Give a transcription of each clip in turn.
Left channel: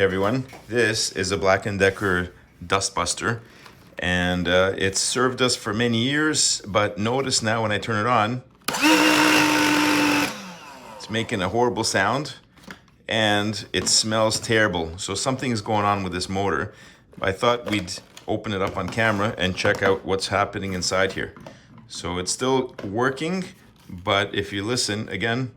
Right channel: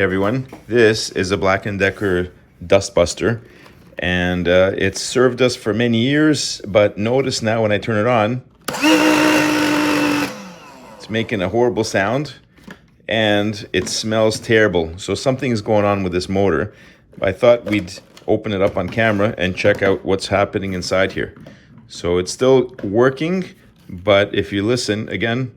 Hey everyone, this is a Black & Decker Dustbuster, and it's served us for many years, but notice now when I turn it on, it's making a horrible sound and it smells terrible. So something's going on with this motor. I thought we'd open it up on camera and check out what's happening inside here. So it's still working, but if you listen again,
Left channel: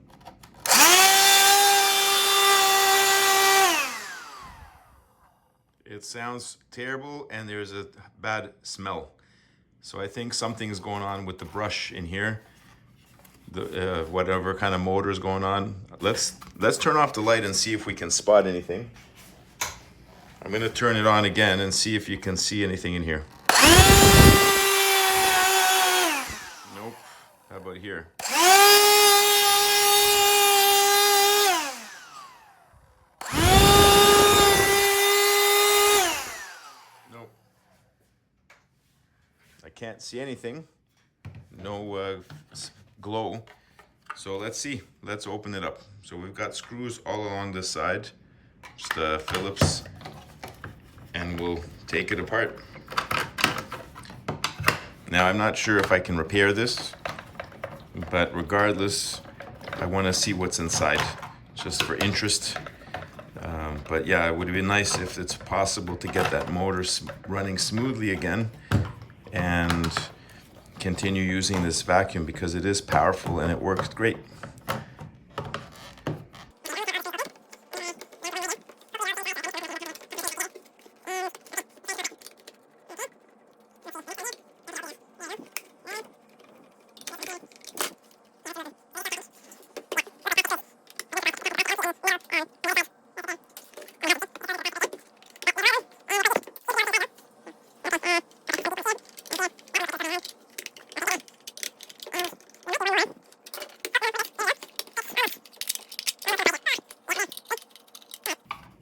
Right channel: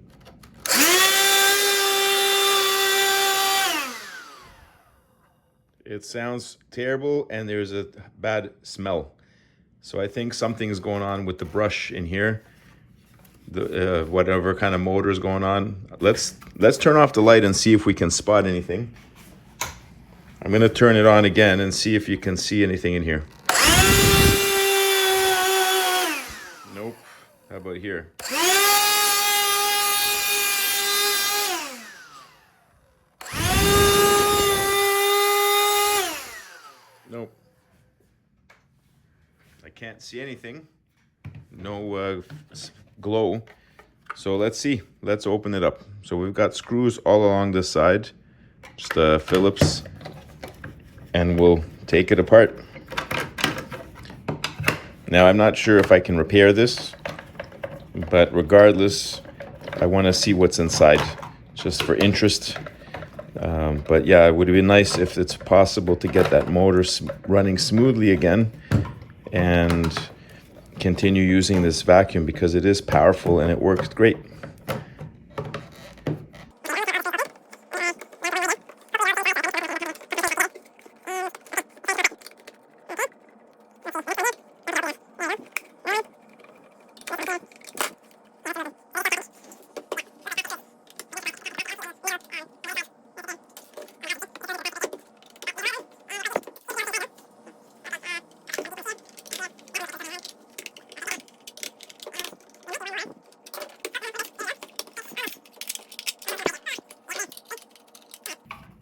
it sounds terrible and there's a bad smell. So I think something's going on with the brush in here. The whatever kind of motor is going on. Let's turn off the light and see if we can spot anything. I'm gonna turn it on again and see if you can see anything in here. Nope. How about here? Nope. I can't see anything. No glow. So let's see. Let's open it up. So we've got screws all along this side. Just Phillips. And we'll take it apart. Now I'm not sure if I can repair this, but regardless, I want to see what's inside, just for interest. But yeah, it would be nice if it's possible to get that motor running smoothly again and continue using this vacuum, because it is powerful and it works great.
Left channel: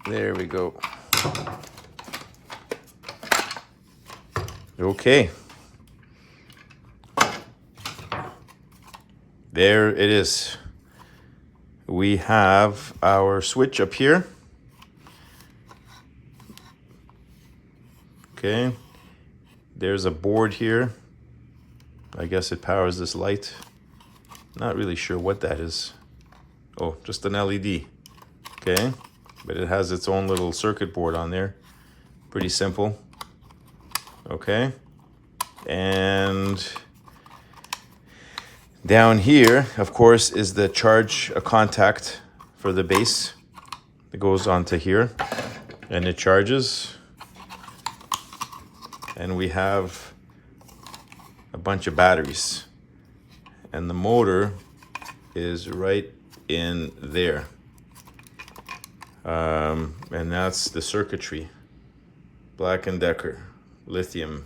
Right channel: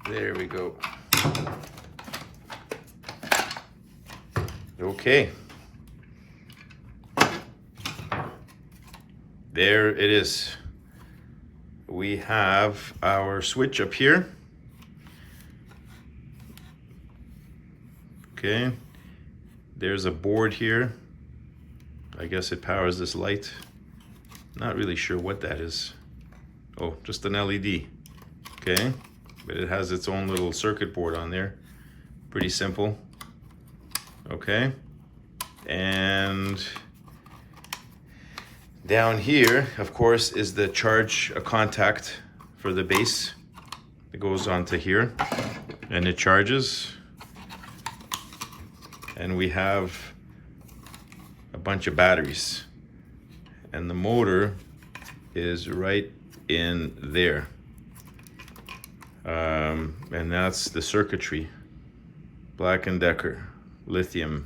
There we go. Okay. There it is. We have our switch up here. Okay. There's a board here. I guess it powers this light. Not really sure what that is. Oh, just an LED. Okay. But it has its own little circuit board on there. Pretty simple. Okay. And down here, of course, is the charge contact for the base. It goes onto here and it charges. And we have a bunch of batteries. And the motor is right in there. And that's the circuitry. Black & Decker, lithium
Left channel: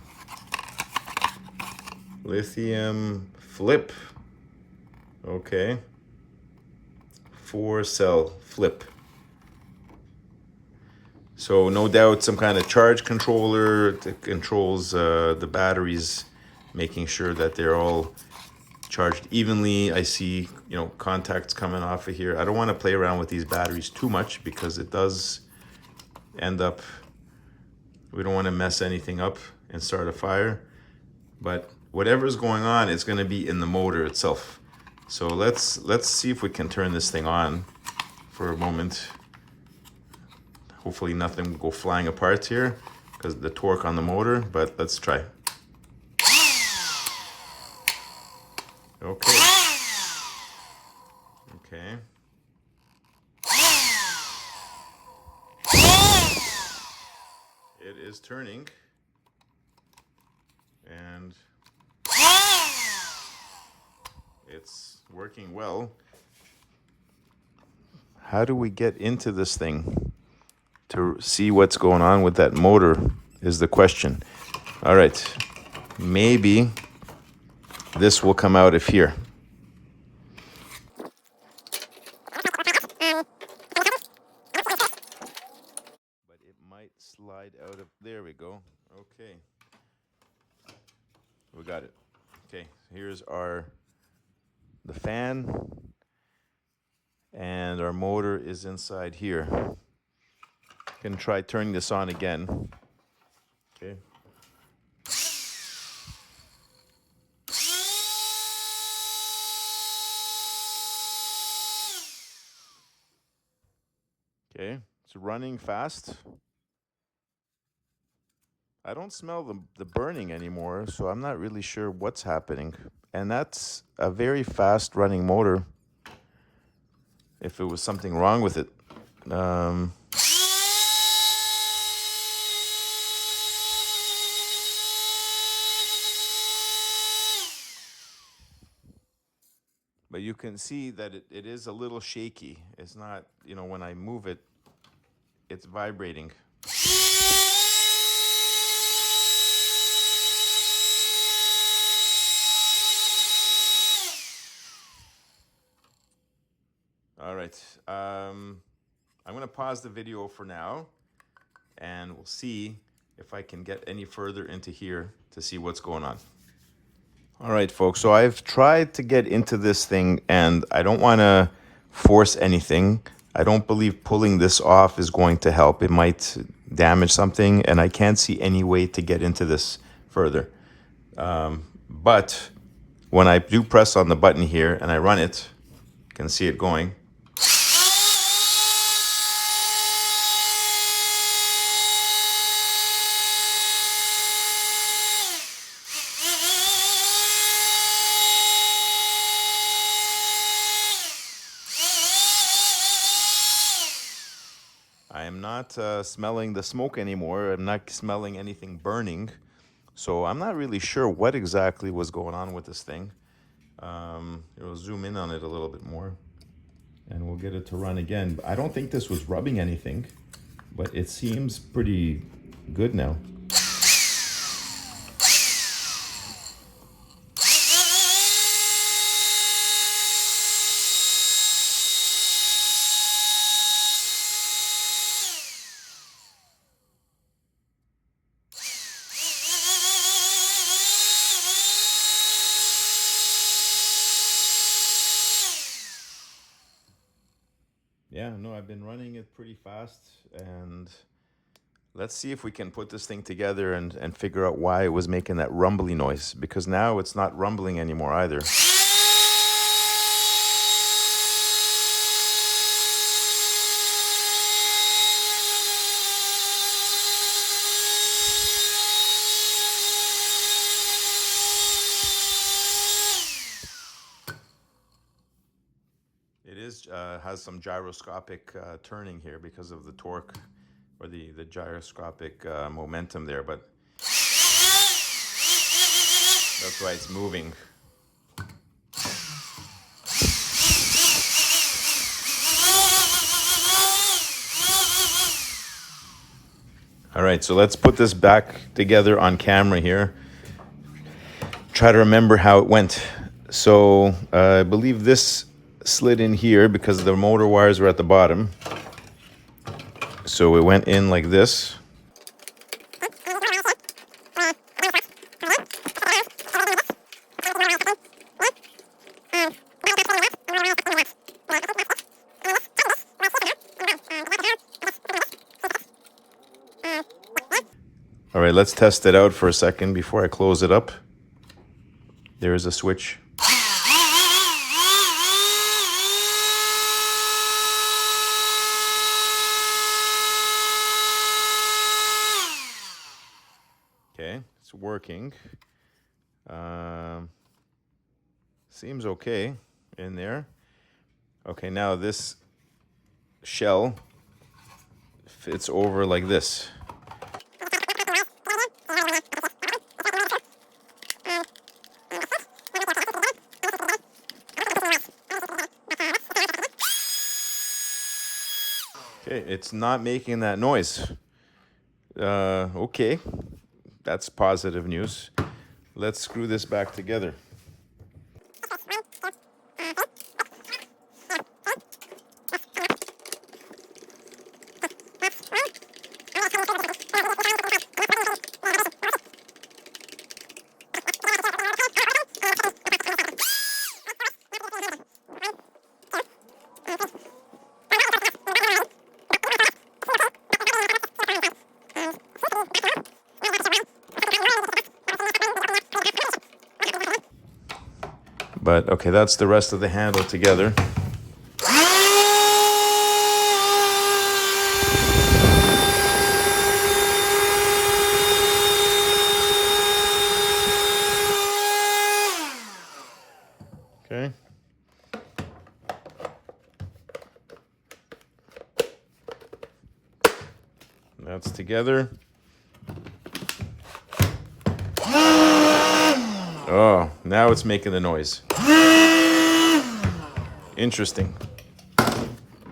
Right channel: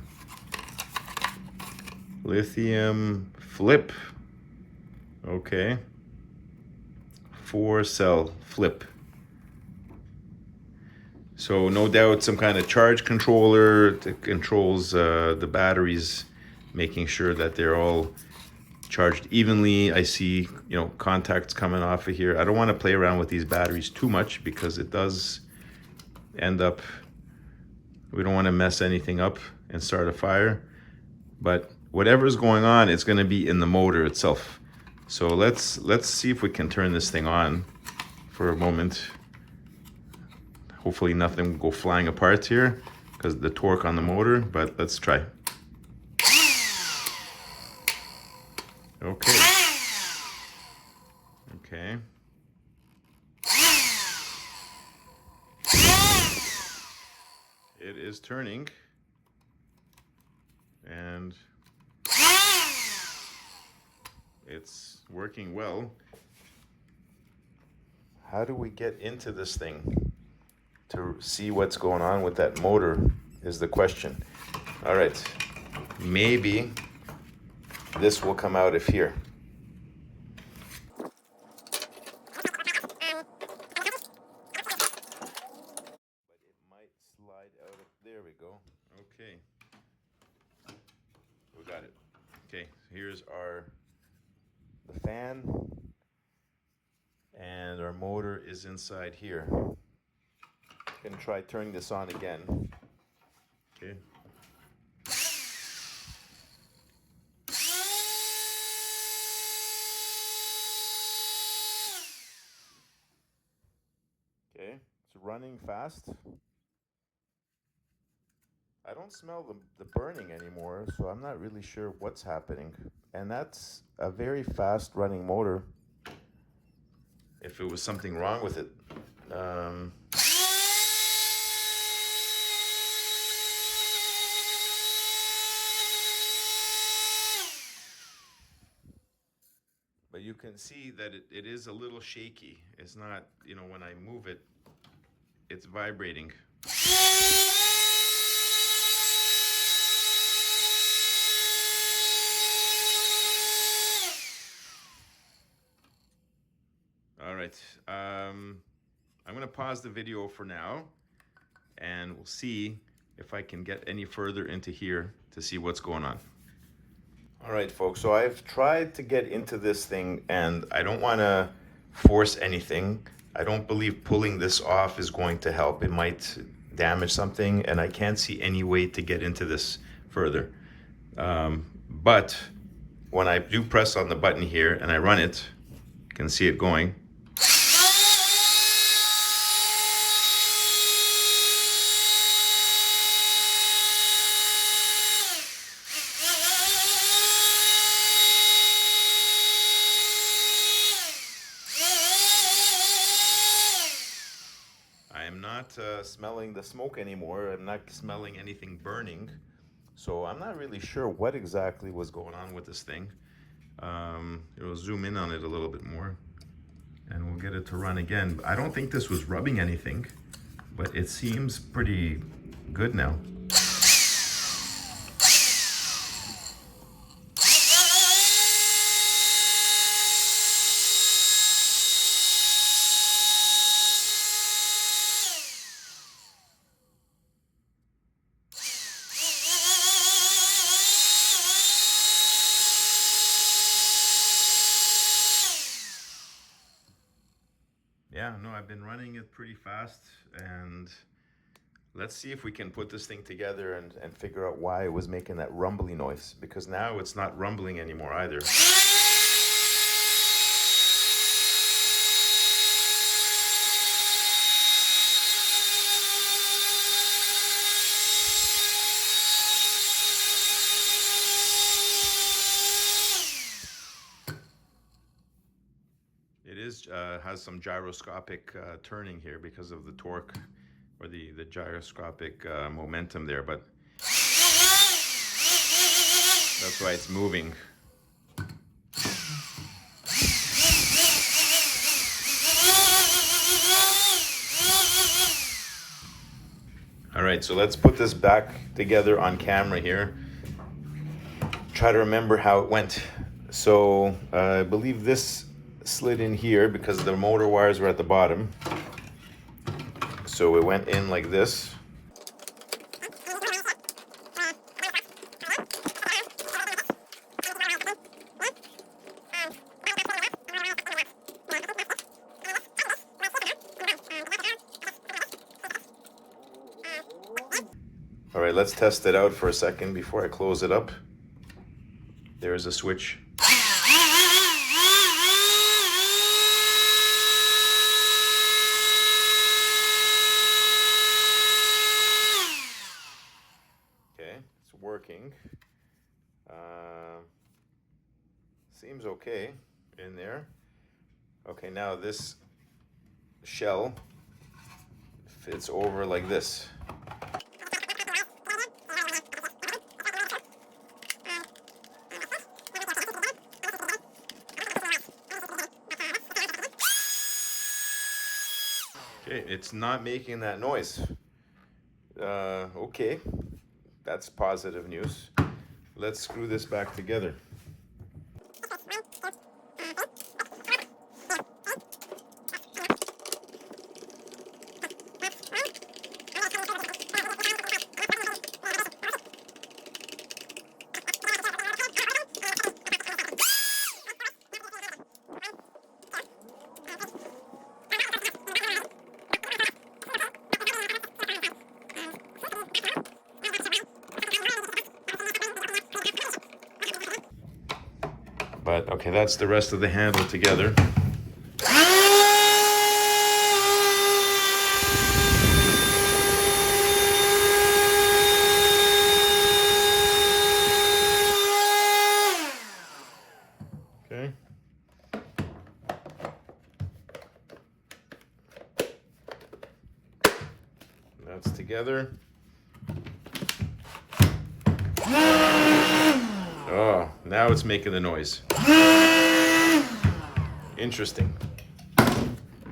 flip. Okay. 4-cell flip. So no doubt some kind of charge controller that controls the batteries, making sure that they're all charged evenly. I see, contacts coming off of here. I don't want to play around with these batteries too much because it does end up, we don't want to mess anything up and start a fire. But whatever's going on, it's going to be in the motor itself. So let's see if we can turn this thing on for a moment. Hopefully nothing will go flying apart here because of the torque on the motor, but let's try. Okay. Okay. It is turning. And it's working well. How do we get into this thing to see what's going on with that motor is the question. All right. Maybe this will come out of here. But it might slide out of, there we go. Okay. We got it. Okay, here's the fan, and our motor is inside here. can try turning this on again. Okay. Okay, it's running fast. I don't smell the burning anymore, so I'm not really sure what's happening. And that's a very fast running motor. If it was something wrong with it. But you can see that it is a little shaky. It's not, you know, when I move it, it's vibrating. All right, I'm gonna pause the video for now, and we'll see if I can get any further into here to see what's going on. All right, folks, so I've tried to get into this thing, and I don't want to force anything. I don't believe pulling this off is going to help. It might damage something, and I can't see any way to get into this further. But when I do press on the button here and I run it, you can see it going. I am not smelling the smoke anymore. I'm not smelling anything burning. So I'm not really sure what exactly was going on with this thing. We'll zoom in on it a little bit more and we'll get it to run again. I don't think this was rubbing anything, but it seems pretty good now. Yeah, no, I've been running it pretty fast, and let's see if we can put this thing together and figure out why it was making that rumbly noise, because now it's not rumbling anymore either. It is has some gyroscopic turning here because of the torque or the gyroscopic momentum there, but that's why it's moving. All right, so let's put this back together on camera here. Try to remember how it went. So I believe this slid in here because the motor wires were at the bottom. So it went in like this. All right, let's test it out for a second before I close it up. There's a switch. Okay, it's working. Seems okay in there. Okay, now this shell fits over like this. Okay, it's not making that noise. Okay, that's positive news. Let's screw this back together. But okay, that's the rest of the handle together. Okay. That's together. Oh, now it's making the noise. Interesting.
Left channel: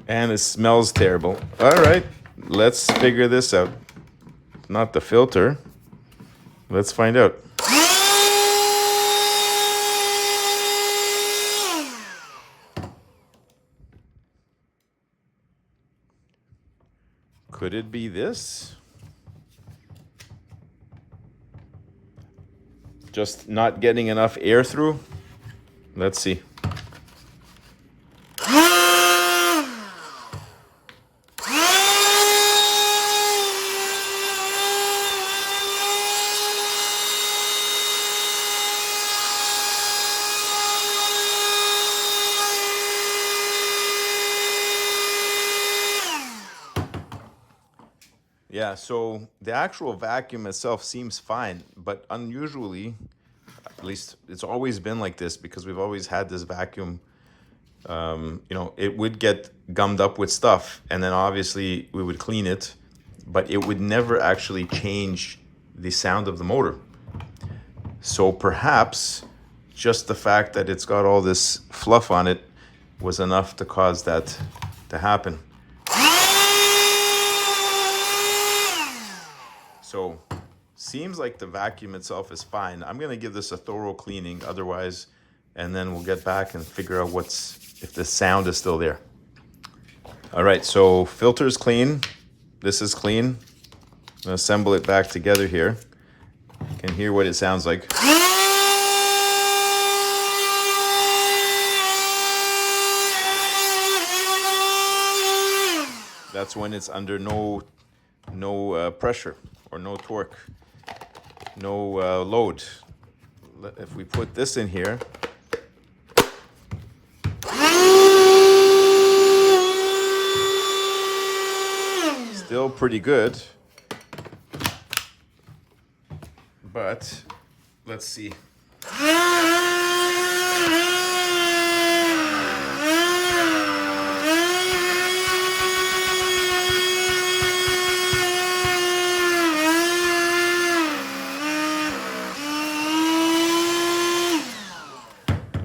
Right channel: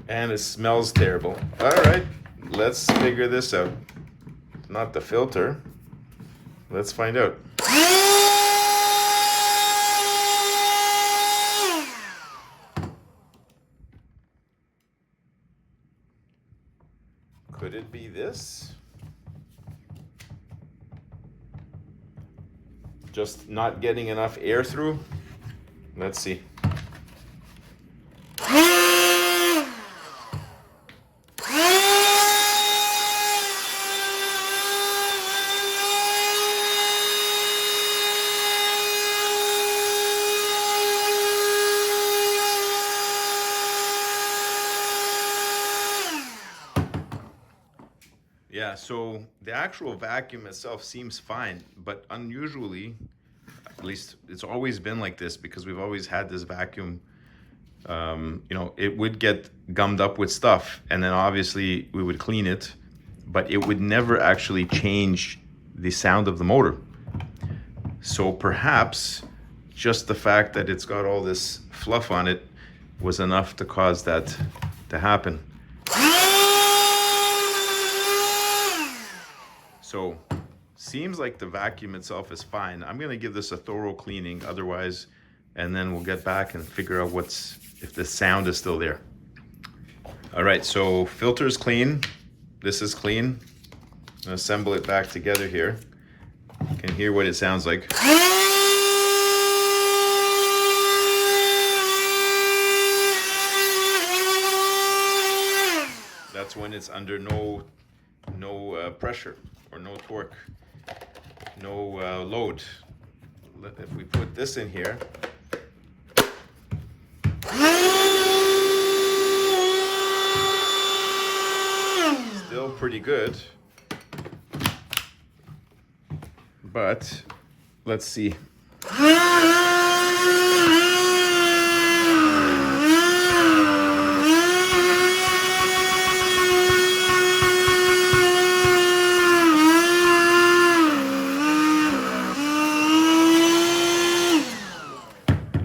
And it smells terrible. All right, let's figure this out. Not the filter. Let's find out. Could it be this? Just not getting enough air through? Let's see. Yeah, so the actual vacuum itself seems fine, but unusually, at least it's always been like this because we've always had this vacuum, you know, it would get gummed up with stuff and then obviously we would clean it, but it would never actually change the sound of the motor. So perhaps just the fact that it's got all this fluff on it was enough to cause that to happen. So, seems like the vacuum itself is fine. I'm gonna give this a thorough cleaning otherwise, and then we'll get back and figure out if the sound is still there. All right, so filter's clean. This is clean. I'm gonna assemble it back together here. You can hear what it sounds like. That's when it's under no pressure. Or no torque, no load. If we put this in here, still pretty good, but let's see.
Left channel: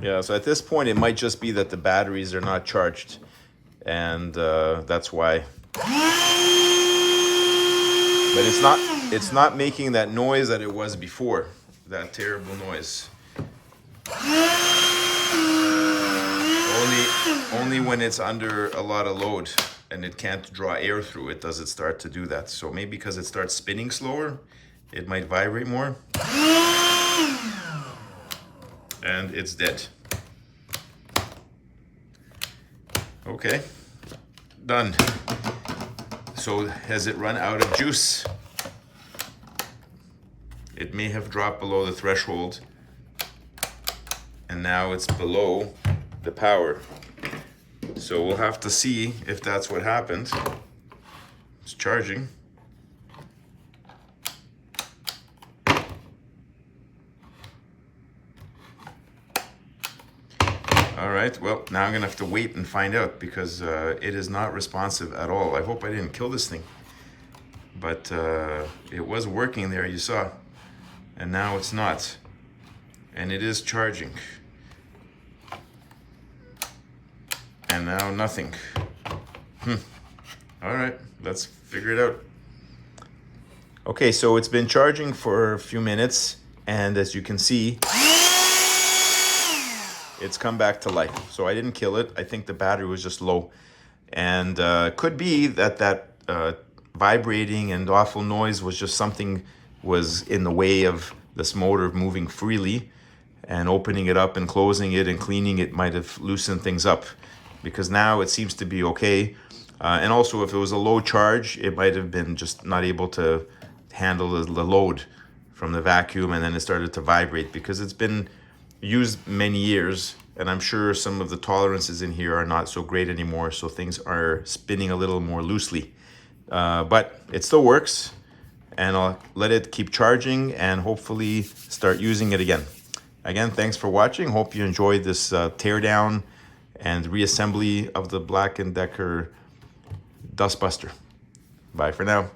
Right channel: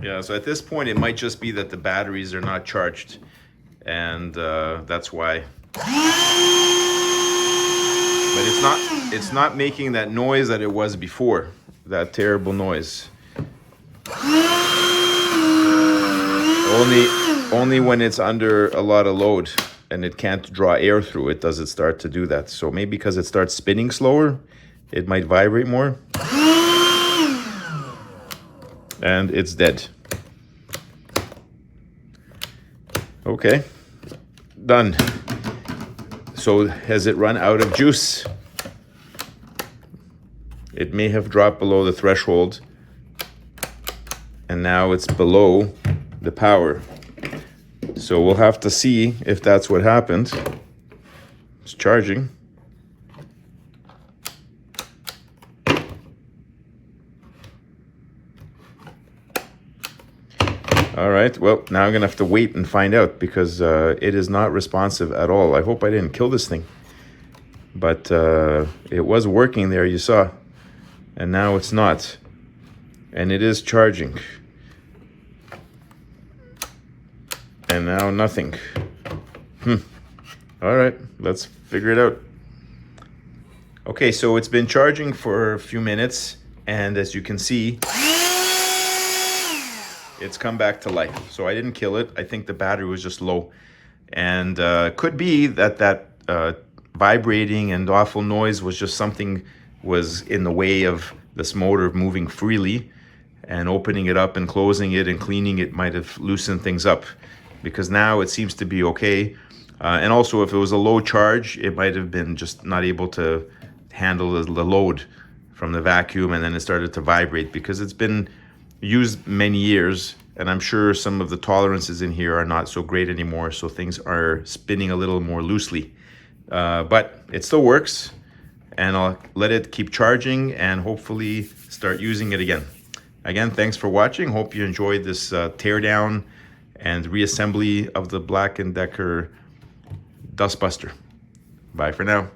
Yeah, so at this point, it might just be that the batteries are not charged, and that's why. But it's not making that noise that it was before, that terrible noise. Only when it's under a lot of load and it can't draw air through it does it start to do that. So maybe because it starts spinning slower, it might vibrate more. And it's dead. Okay, done. So has it run out of juice? It may have dropped below the threshold and now it's below the power. So we'll have to see if that's what happened. It's charging. All right, well, now I'm gonna have to wait and find out because it is not responsive at all. I hope I didn't kill this thing. But it was working there, you saw. And now it's not. And it is charging. And now nothing. All right, let's figure it out. Okay, so it's been charging for a few minutes. And as you can see, it's come back to life. So I didn't kill it. I think the battery was just low. And could be that vibrating and awful noise was just something was in the way of this motor moving freely, and opening it up and closing it and cleaning it might have loosened things up, because now it seems to be okay. And also if it was a low charge, it might have been just not able to handle the load from the vacuum, and then it started to vibrate because it's been used many years, and I'm sure some of the tolerances in here are not so great anymore, so things are spinning a little more loosely. But it still works, and I'll let it keep charging and hopefully start using it again. Again, thanks for watching. Hope you enjoyed this teardown and reassembly of the Black & Decker Dustbuster. Bye for now.